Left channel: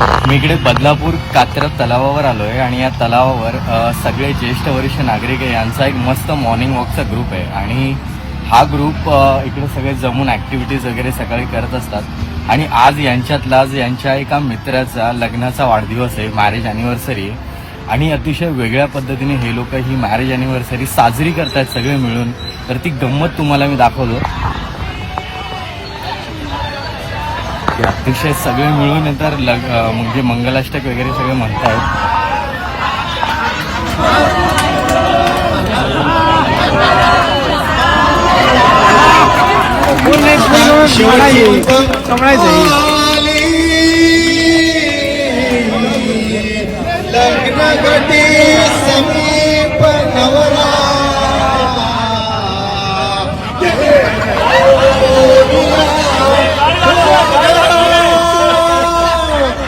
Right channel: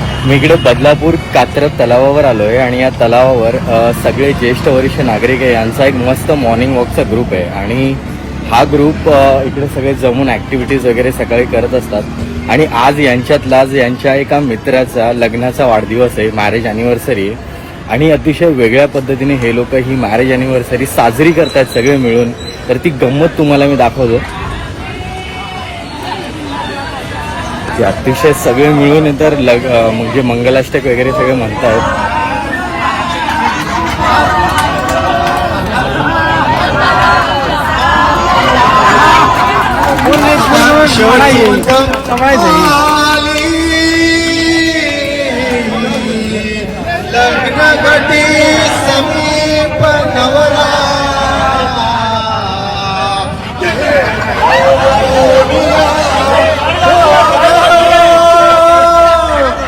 मी इकडे बदलापूर कात्रज तलावावर आलो आहे आणि या तलावावर सगळे ज्येष्ठ वरिष्ठ नागरिक आहे यांचा एक मस्त मॉर्निंग वॉकचा ग्रुप आहे आणि हा ग्रुप इकडे सगळे जमून ॲक्टिव्हिटीज वगैरे सकाळी करत असतात आणि आज यांच्यातलाच यांच्या एका मित्राचा लग्नाचा वाढदिवस आहे, मॅरेज ॲनिव्हर्सरी, आणि अतिशय वेगळ्या पद्धतीने हे लोक ही मॅरेज ॲनिव्हर्सरी साजरी करतात सगळे मिळून. तर ती गंमत तुम्हाला मी दाखवतो. अतिशय सगळे मिळून तर म्हणजे मंगलाष्टक वगैरे सगळे म्हणतात. शेवट